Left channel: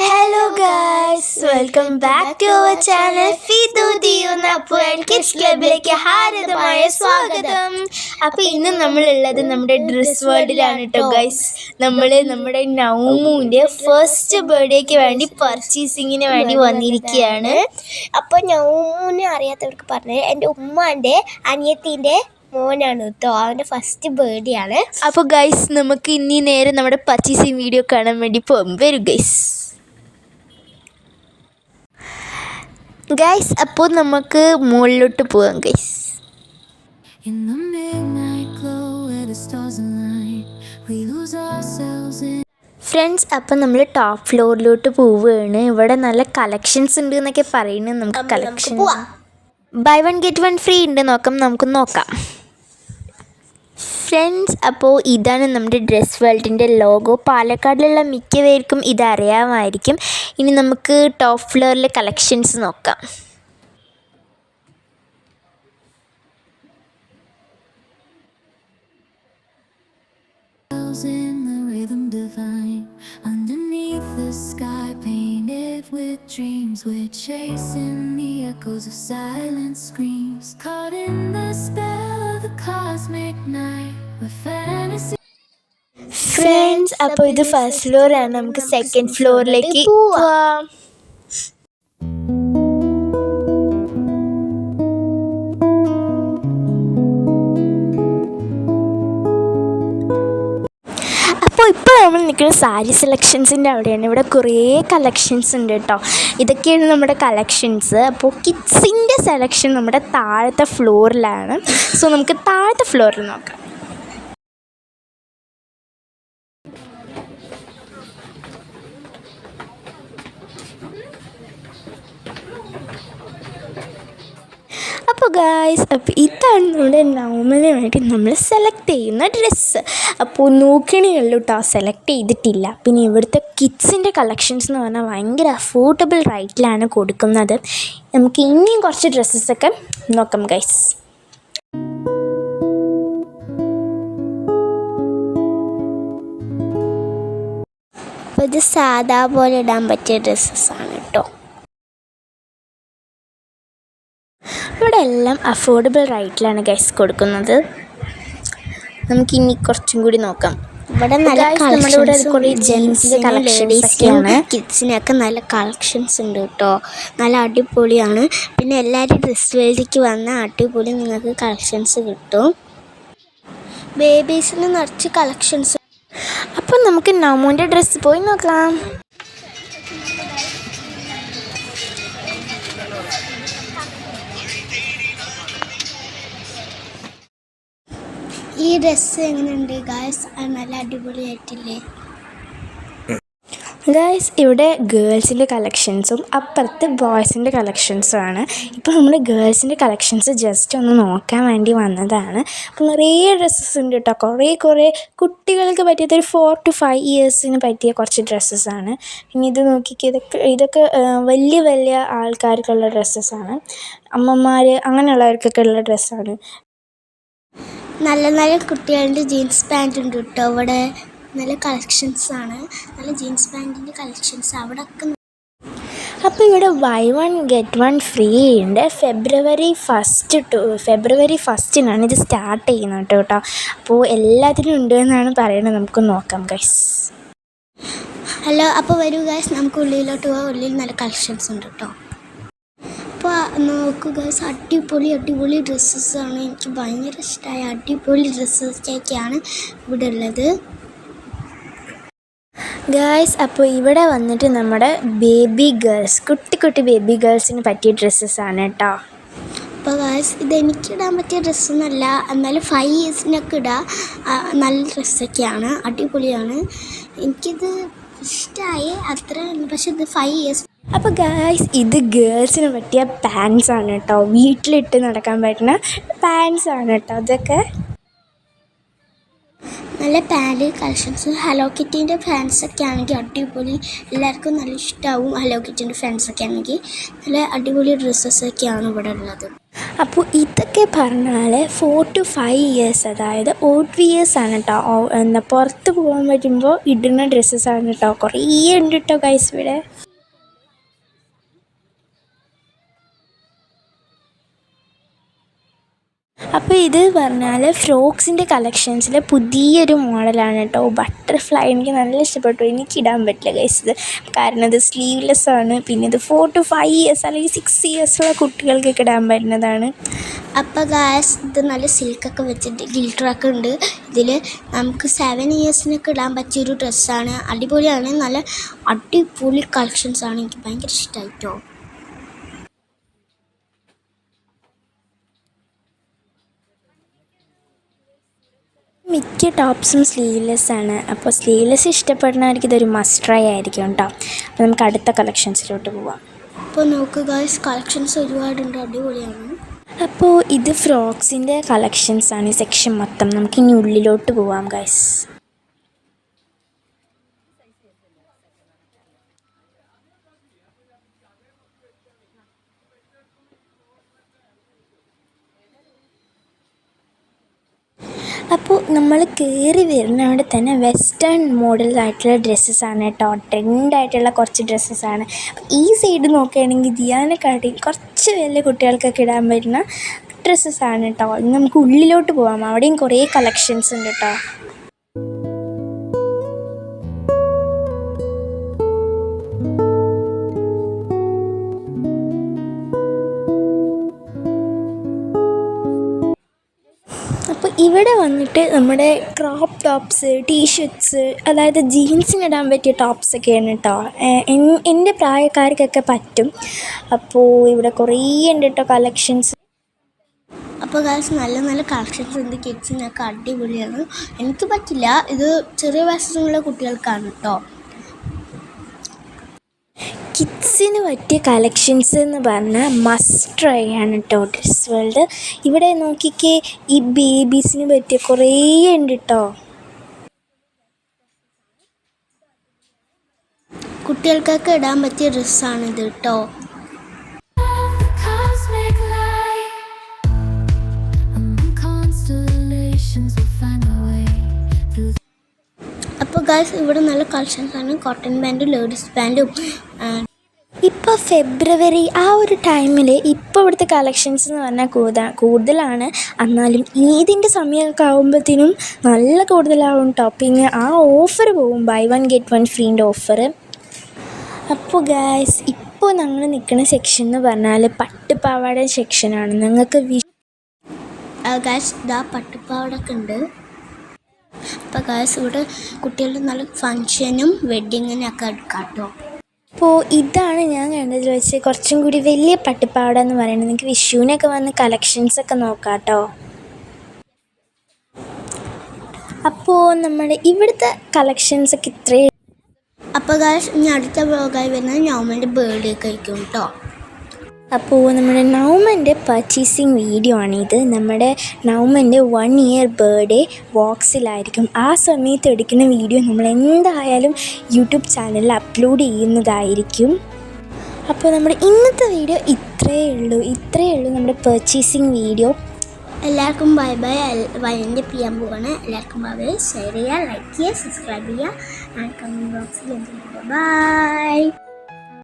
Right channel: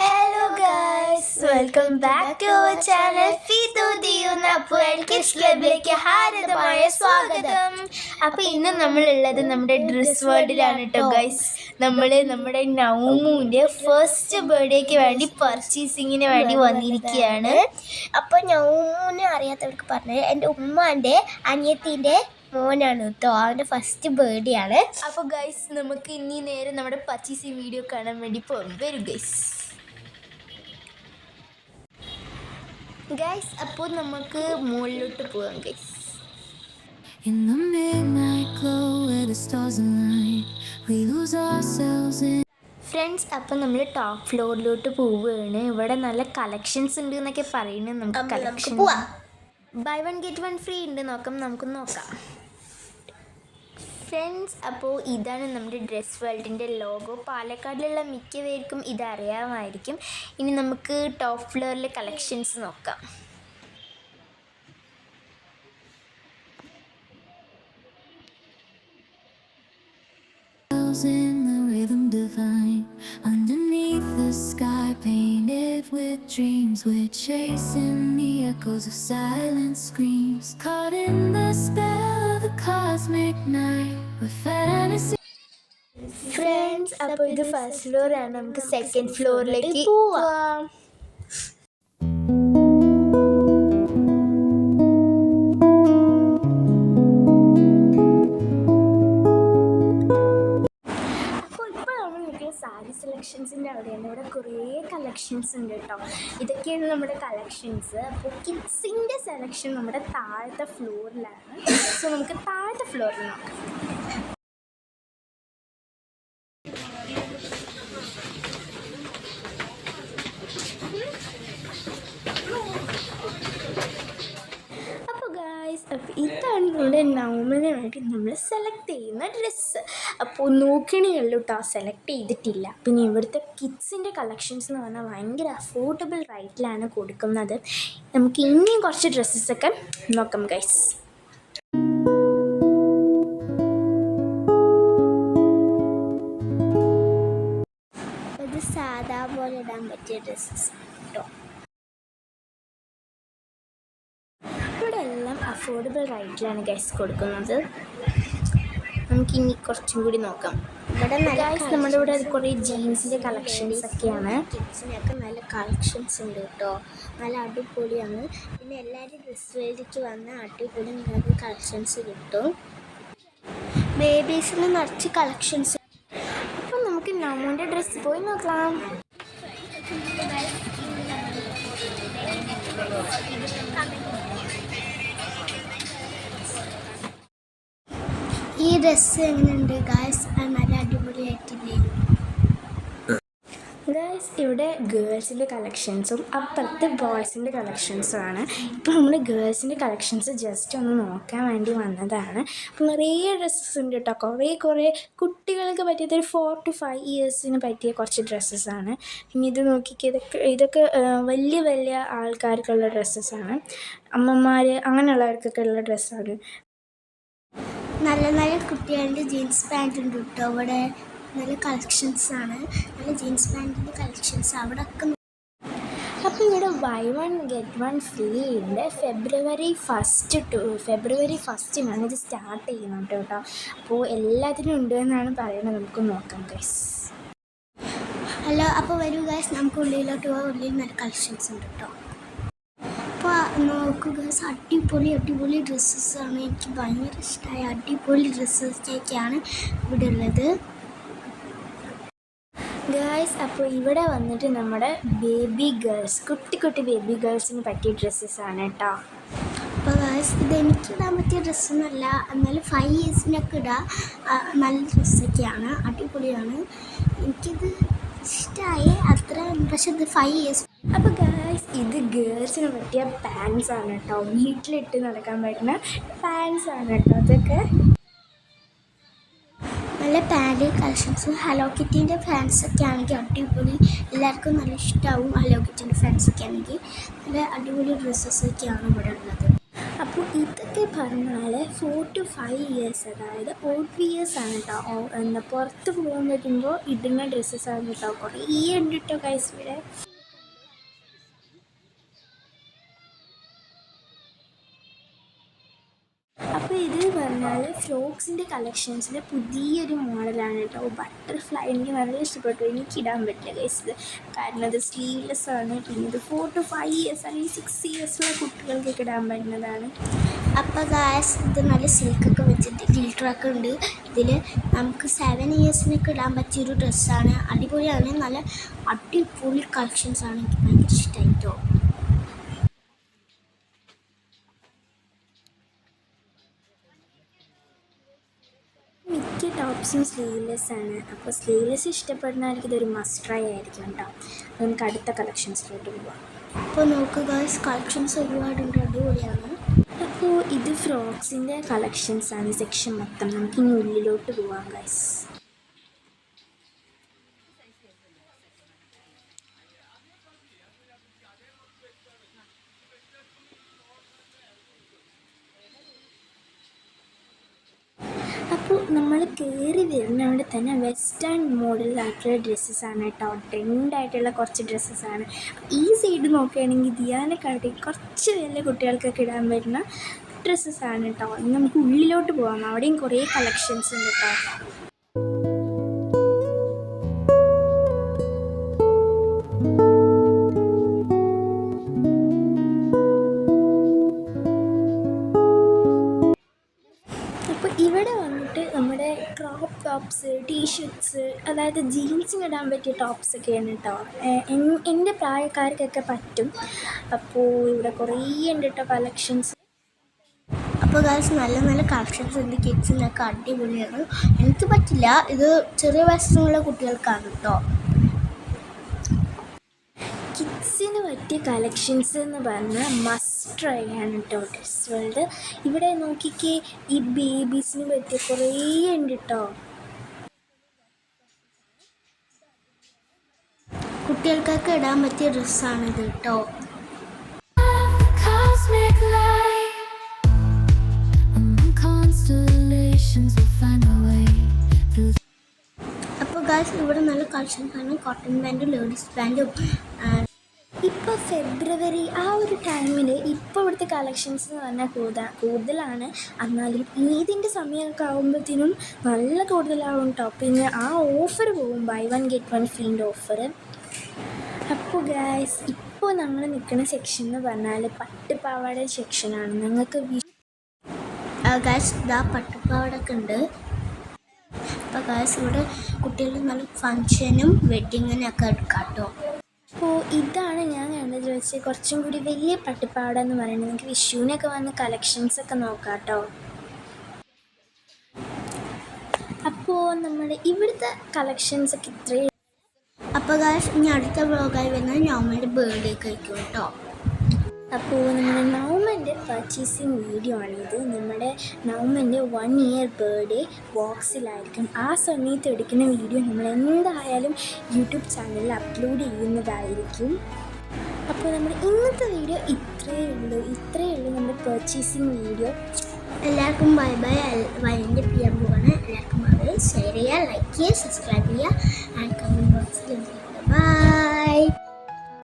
Hello guys welcome back to our channel Fidu kids ക്ലബിലേക്ക് ഹാരതമായ സ്വാഗതം. അപ്പോൾ ഇന്ന് നമ്മളുള്ളത് നമ്മുടെ ഡ്രസ് വേൾഡിലാണ് കേട്ടോ ഗൈസ് നമ്മൾ നമ്മുടെ നൗമുവിന്റെ ഫസ്റ്റ് ബർത്ത്ഡേക്ക് വേണ്ടി പർച്ചേസിങ്ങിന് വേണ്ടി വന്നിരിക്കുകയാണ്. അപ്പോൾ നൗമുവിനെ അറിയാത്തവർക്ക് പറഞ്ഞത് എന്റെ ഉമ്മാന്റെ അനിയത്തിന്റെ മോനാണ് കേട്ടോ അവന്റെ ഫസ്റ്റ് ബേർഡേ ആണ് അപ്പോൾ ഗൈസ് നമുക്ക് ഇനി നേരെ നമ്മുടെ പർച്ചേസിങ് വീഡിയോ കാണാൻ വേണ്ടി പോകും വരും ഗൈസ് ഗൈസ് അപ്പോൾ നമുക്ക് മുകളിലോട്ട് പോകാം guys In the midnight glow where the stars align, we lose ourselves in friends അപ്പം നമ്മൾ ടോപ്പ് ഫ്ലോറിലോട്ട് പോവുകയാണ്. ഇവിടെ നല്ല കളക്ഷൻസ് ഉണ്ട് എന്നൊക്കെ പറയുന്നത്. നമുക്ക് നമുക്ക് collection buy one get one free ഉണ്ട്. നോക്കാം നമുക്ക് നോക്കാം. ഫ്രണ്ട്സ് അപ്പോൾ ഇതാണ് നമ്മുടെ ഡ്രസ് വേൾഡിന്റെ ലോഗോ പാലക്കാടിലുള്ള മിക്കവർക്കും ഇതറിയാമായിരിക്കും ഇനി നമുക്ക് ടോപ്പ് ഫ്ലോറിലെ കളക്ഷൻസ് നോക്കാം in the rhythm divine. Underneath the sky, painted with dreams, we're chasing the echoes of silent screams. Caught in the the cosmic night, with fantasy. Friends അപ്പോൾ ഇത് ഫസ്റ്റ് ഫ്ലോറാണ് നമുക്ക് second ഫ്ലോറിലേക്ക് പോവാം. നിൽക്കുന്ന സാരി സെലക്ഷൻസിന്റെ അവിടെയാണ്. ഇവിടെ കുറേ കളക്ഷൻസ് ഉണ്ട് കേട്ടോ. ഇതൊക്കെയാണ് നമ്മുടെ കളക്ഷൻസ് അപ്പോൾ കിഡ്സിന്റെ സെലക്ഷൻ നമ്മുടെ താഴത്തെ ഫ്ലോറിലാണ് സോ നമുക്ക് താഴത്തെ ഫ്ലോറിൽ നോക്കാം. ഗായ്സ് അപ്പോൾ ഇതാണ് നമ്മുടെ നവമിന് വേണ്ടി നമ്മൾ സെലക്ട് ചെയ്യുന്ന ഡ്രസ്സ് അപ്പോൾ നോക്കണേയുള്ളൂ കേട്ടോ സെലക്ട് ചെയ്തിട്ടില്ല. പിന്നെ ഇവിടുത്തെ കിഡ്സിന്റെ കളക്ഷൻസ് എന്ന് പറഞ്ഞാൽ ഭയങ്കര അഫോർഡബിൾ റേറ്റിലാണ് കൊടുക്കുന്നത്. നമുക്ക് ഇനിയും കുറച്ച് ഡ്രസ്സസൊക്കെ നോക്കാം ഗൈസ് ഇത് സാധാ പോലെ ഇടാൻ പറ്റിയ ഡ്രസ്സസ് ആണ് കേട്ടോ അഫോർഡബിൾ റൈറ്റിലാണ് ഗൈസ് കൊടുക്കുന്നത്. നമുക്ക് ഇനി കുറച്ചും കൂടി നോക്കാം. ഇവിടെ നല്ല നമ്മുടെ ഇവിടെ കുറേ ജെൻസിന്റെ കളക്ഷൻസ് ഒക്കെയാണ്. കിഡ്സിനൊക്കെ നല്ല കളക്ഷൻസ് ഉണ്ട് കേട്ടോ. നല്ല അടിപൊളിയാണ്. പിന്നെ എല്ലാവരും ഡ്രസ് വേൾഡിക്ക് വന്ന അടിപൊളി നിങ്ങൾക്ക് കളക്ഷൻസ് കിട്ടും. ബേബീസിന് നിറച്ച് കളക്ഷൻസ് അപ്പോൾ നമുക്ക് നമ്മുടെ ഡ്രസ്സ് പോയി നോക്കാം. ഈ ഡ്രസ്സ് എങ്ങനെയുണ്ട് ഗായ്സ് നല്ല അടിപൊളിയായിട്ടില്ലേ? ഗായ്സ് ഇവിടെ ഗേൾസിന്റെ കളക്ഷൻസും അപ്പുറത്ത് ബോയ്സിന്റെ കളക്ഷൻസും ആണ് ഇപ്പോൾ നമ്മൾ ഗേൾസിന്റെ കളക്ഷൻസ് ജസ്റ്റ് ഒന്ന് നോക്കാൻ വേണ്ടി വന്നതാണ്. അപ്പോൾ നിറയെ ഡ്രസ്സസ് ഉണ്ട് കേട്ടോ. കുറേ കുറേ കുട്ടികൾക്ക് പറ്റിയത് ഒരു ഫോർ ടു ഫൈവ് ഇയേഴ്സിന് പറ്റിയ കുറച്ച് ഡ്രസ്സസ് ആണ്. പിന്നെ ഇത് നോക്കിക്കേ ഇതൊക്കെ ഇതൊക്കെ വലിയ വലിയ ആൾക്കാർക്കുള്ള ഡ്രസ്സസ്സാണ് അമ്മമാർ അങ്ങനെയുള്ളവർക്കൊക്കെ ഉള്ള ഡ്രസ്സാണ് നല്ല നല്ല കുട്ടികളുടെ ജീൻസ് പാന്റ് ഉണ്ട് കേട്ടോ. അവിടെ നല്ല കളക്ഷൻസ് ആണ്. നല്ല ജീൻസ് പാന്റിന്റെ കളക്ഷൻസ് അവിടെ ഒക്കെ അപ്പോൾ ഇവിടെ buy one get one free ഉണ്ട്. ഫെബ്രുവരി ഫസ്റ്റ് ടു ഫെബ്രുവരി ഫസ്റ്റിനാണ് ഇത് സ്റ്റാർട്ട് ചെയ്യുന്നത് കേട്ടോ. അപ്പോൾ എല്ലാത്തിനും ഉണ്ട് എന്നാണ് പറയുന്നത് നമുക്ക് നോക്കാം ഗൈസ് ഹലോ അപ്പോൾ വരൂ ഗൈസ് നമുക്ക് ഉള്ളിലോട്ട് പോകാം ഉള്ളിൽ നല്ല കളക്ഷൻസ് ഉണ്ട് കേട്ടോ. അപ്പോൾ നോക്കൂ ഗൈസ് അടിപൊളി അടിപൊളി ഡ്രസ്സസ് ആണ് എനിക്ക് ഭയങ്കര ഇഷ്ടമായ അടിപൊളി ഡ്രസ്സൊക്കെയാണ് ഇവിടെ ഉള്ളത് ഗേൾസ് അപ്പോൾ ഇവിടെ വന്നിട്ട് നമ്മുടെ ബേബി ഗേൾസ് കുട്ടി കുട്ടി ബേബി ഗേൾസിന് പറ്റിയ ഡ്രസ്സസ് ആണ് കേട്ടോ. അപ്പോൾ ഗേൾസ് ഇത് എനിക്ക് ഇടാൻ പറ്റിയ ഡ്രസ്സൊന്നുമല്ല എന്നാലും ഫൈവ് ഇയേഴ്സിനൊക്കെ ഇടാം. നല്ല ഡ്രസ്സൊക്കെയാണ്. അടിപൊളിയാണ്. എനിക്കിത് ഇഷ്ടമായി അത്ര പക്ഷെ ഇത് ഫൈവ് ഇയേഴ്സ് അപ്പോൾ ഗായ്സ് ഇത് ഗേൾസിന് പറ്റിയ പാൻസ് ആണ് കേട്ടോ. വീട്ടിലിട്ട് നടക്കാൻ പറ്റുന്ന പാൻസ് ആണ് കേട്ടോ ഇതൊക്കെ. നല്ല പാന്റ് കളക്ഷൻസ് ഹലോ കിറ്റീന്റെ ഫാൻസൊക്കെ ആണെങ്കിൽ അടിപൊളി. എല്ലാവർക്കും നല്ല ഇഷ്ടമാവും ഹലോ കിറ്റീന്റെ ഫാൻസൊക്കെ ആണെങ്കിൽ. നല്ല അടിപൊളി ഡ്രസ്സസൊക്കെയാണ് ഇവിടെ ഉള്ളത്. അപ്പോൾ ഇതൊക്കെ പറഞ്ഞാൽ ഫോർ ടു ഫൈവ് ഇയേഴ്സ് അതായത് ഓട്ട് ഇയേഴ്സ് ആണ് കേട്ടോ. എന്താ പുറത്ത് പോകാൻ പറ്റുമ്പോൾ ഇടുന്ന ഡ്രസ്സസ് ആണ് കേട്ടോ. കുറേ ഉണ്ട് കേട്ടോ ഗൈസ് ഇവിടെ. ഇത് പറഞ്ഞാൽ ഫ്രോക്സിന്റെ കളക്ഷൻസിലെ പുതിയൊരു മോഡലാണ് കേട്ടോ ബട്ടർഫ്ലൈ എനിക്ക് നല്ല ഇഷ്ടപ്പെട്ടു. എനിക്ക് ഇടാൻ പറ്റില്ല ഗൈസ് ഇത്. കാരണം ഇത് സ്ലീവ്ലെസ് ആണ്. പിന്നെ ഇത് ഫോർ ടു ഫൈവ് ഇയേഴ്സ് അല്ലെങ്കിൽ സിക്സ് ഇയേഴ്സുള്ള കുട്ടികൾക്കൊക്കെ ഇടാൻ പറ്റുന്നതാണ്. അപ്പോൾ ഗാസ് ഇത് നല്ല സിൽക്കൊക്കെ വെച്ചിട്ട് ഗിൽട്ടറൊക്കെ ഉണ്ട്. ഇതിൽ നമുക്ക് സെവൻ ഇയേഴ്സിനൊക്കെ ഇടാൻ പറ്റിയൊരു ഡ്രസ്സാണ് അടിപൊളിയാണ്. നല്ല അടിപൊളി കളക്ഷൻസ് ആണ്. എനിക്ക് ഭയങ്കര ഇഷ്ടമായിട്ടോ മിക്ക ടോപ്സും സ്ലീവ്ലെസ് ആണ്. അപ്പോൾ സ്ലീവ്ലെസ് ഇഷ്ടപ്പെടുന്നവർക്ക് ഇതൊരു മസ്റ്റ് ട്രൈ ആയിരിക്കും കേട്ടോ. അപ്പോൾ നമുക്ക് അടുത്ത കളക്ഷൻസിലോട്ട് പോവാം. അപ്പോൾ നോക്കുക കളക്ഷൻസ് ഒരുപാടുണ്ട് അടിപൊളിയാണ്. അപ്പോൾ ഇത് ഫ്രോക്സിന്റെ കളക്ഷൻസ് ആണ് ഈ സെക്ഷൻ മൊത്തം. നമുക്കിനി ഉള്ളിലോട്ട് പോവാം ഗൈസ് അപ്പോൾ നമ്മൾ കയറി വരുന്ന അവിടെ തന്നെ വെസ്റ്റേൺ മോഡലായിട്ടുള്ള ഡ്രസ്സസ്സാണ് കേട്ടോ. ട്രെൻഡായിട്ടുള്ള കുറച്ച് ഡ്രസ്സസ്സാണ് ഈ സൈഡ് നോക്കുകയാണെങ്കിൽ ദിയാനെക്കാട്ടി കുറച്ച് വലിയ കുട്ടികൾക്കൊക്കെ ഇടാൻ പറ്റുന്ന ഡ്രസ്സസ്സാണ് കേട്ടോ. ഇനി നമുക്ക് ഉള്ളിലോട്ട് പോകാം അവിടെയും കുറേ കളക്ഷൻസ് ഉണ്ട് കേട്ടോ. ഇവിടെ വന്നിട്ട് നമ്മുടെ ക്രോപ്പ് ടോപ്സ് ടീഷർട്ട്സ് അതായത് ജീൻസിന് ഇടാൻ പറ്റിയ ടോപ്സൊക്കെയാണ് കേട്ടോ എന്റെ പ്രായക്കാർക്കൊക്കെ പറ്റും. അപ്പോൾ ഇവിടെ കുറേ ഉണ്ട് കേട്ടോ കളക്ഷൻസ് അപ്പോൾ ഗാസ് നല്ല നല്ല കളക്ഷൻസ് ഉണ്ട്. കിഡ്സിനൊക്കെ അടിപൊളിയാണ്. എനിക്ക് പറ്റില്ല. ഇത് ചെറിയ വയസ്സിലുള്ള കുട്ടികൾക്കാണ് കേട്ടോ കിഡ്സിന് പറ്റിയ കളക്ഷൻസ് എന്ന് പറഞ്ഞാൽ മസ്റ്റ് ട്രൈ ആണ് കേട്ടോ ഡ്രസ് വേൾഡ് ഇവിടെ നോക്കിക്കേ ഈ ബേബീസിന് പറ്റിയ കുറേ ഉണ്ട് കേട്ടോ കുട്ടികൾക്കൊക്കെ ഇടാൻ പറ്റിയ ഡ്രസ്സാണ് ഇത് കേട്ടോ. അപ്പോൾ ഗായ്സ് ഇവിടെ നല്ല കളക്ഷൻസ് ആണ്. കോട്ടൺ പാന്റും ലേഡീസ് പാന്റും ഫെബ്രുവരി ആ ഒരു ടൈമിൽ ഇപ്പോൾ ഇവിടുത്തെ കളക്ഷൻസ് എന്ന് പറഞ്ഞാൽ കൂടുതൽ കൂടുതലാണ്. എന്നാലും ഈദിന്റെ സമയമൊക്കെ ആകുമ്പോഴത്തേനും നല്ല കൂടുതലാവും പിന്നെ ആ ഓഫർ പോകും ബൈ വൺ ഗെറ്റ് വൺ ഫ്രീന്റെ ഓഫർ അപ്പോൾ ഗായ്സ് ഇപ്പോൾ ഞങ്ങൾ നിൽക്കുന്ന സെക്ഷൻ എന്ന് പറഞ്ഞാൽ പട്ടുപാവാട സെക്ഷനാണ് നിങ്ങൾക്ക് വി ഗായ്സ് ഇതാ പട്ടുപാവാടൊക്കെ ഉണ്ട്. അപ്പോൾ ഗായ്സ് ഇവിടെ കുട്ടികളുടെ നല്ല ഫങ്ഷനും വെഡ്ഡിങ്ങിനൊക്കെ എടുക്കാം കേട്ടോ. അപ്പോൾ ഇതാണ് ഞാൻ കണ്ടതിൽ വെച്ച് കുറച്ചും കൂടി വലിയ പട്ടുപാവാട എന്ന് പറയുന്നത്. നിങ്ങൾക്ക് വിഷുവിനൊക്കെ വന്ന് കളക്ഷൻസൊക്കെ നോക്കാം കേട്ടോ. അപ്പോൾ നമ്മുടെ ഇവിടുത്തെ കളക്ഷൻസൊക്കെ ഇത്രയും അപ്പോൾ ഗായ്സ് ഇനി അടുത്ത വ്ളോഗായി വരുന്നത് നോമന്റെ ബർത്ത്ഡേ കഴിക്കും കേട്ടോ. അപ്പോൾ നമ്മുടെ നൗമന്റെ പർച്ചേസിങ് വീഡിയോ ആണിത്. നമ്മുടെ നൗമന്റെ വൺ ഇയർ ബർത്ത്ഡേ വോക്സിലായിരിക്കും. ആ സമയത്ത് എടുക്കുന്ന വീഡിയോ നമ്മൾ എന്തായാലും യൂട്യൂബ് ചാനലിൽ അപ്ലോഡ് ചെയ്യുന്നതായിരിക്കും. അപ്പോൾ നമ്മുടെ ഇന്നത്തെ വീഡിയോ ഇത്രയേ ഉള്ളൂ. ഇത്രയേ ഉള്ളൂ നമ്മുടെ പർച്ചേസിങ് വീഡിയോ. എല്ലാവർക്കും ബൈ ബൈ വൈൻഡ് ചെയ്യാൻ പോവാണ്. എല്ലാവർക്കും ബൈ ബൈ ഷെയർ ചെയ്യുക ലൈക്ക് ചെയ്യുക സബ്സ്ക്രൈബ് ചെയ്യുക ആൻഡ് കമന്റ് ബോക്സിൽ ബൈ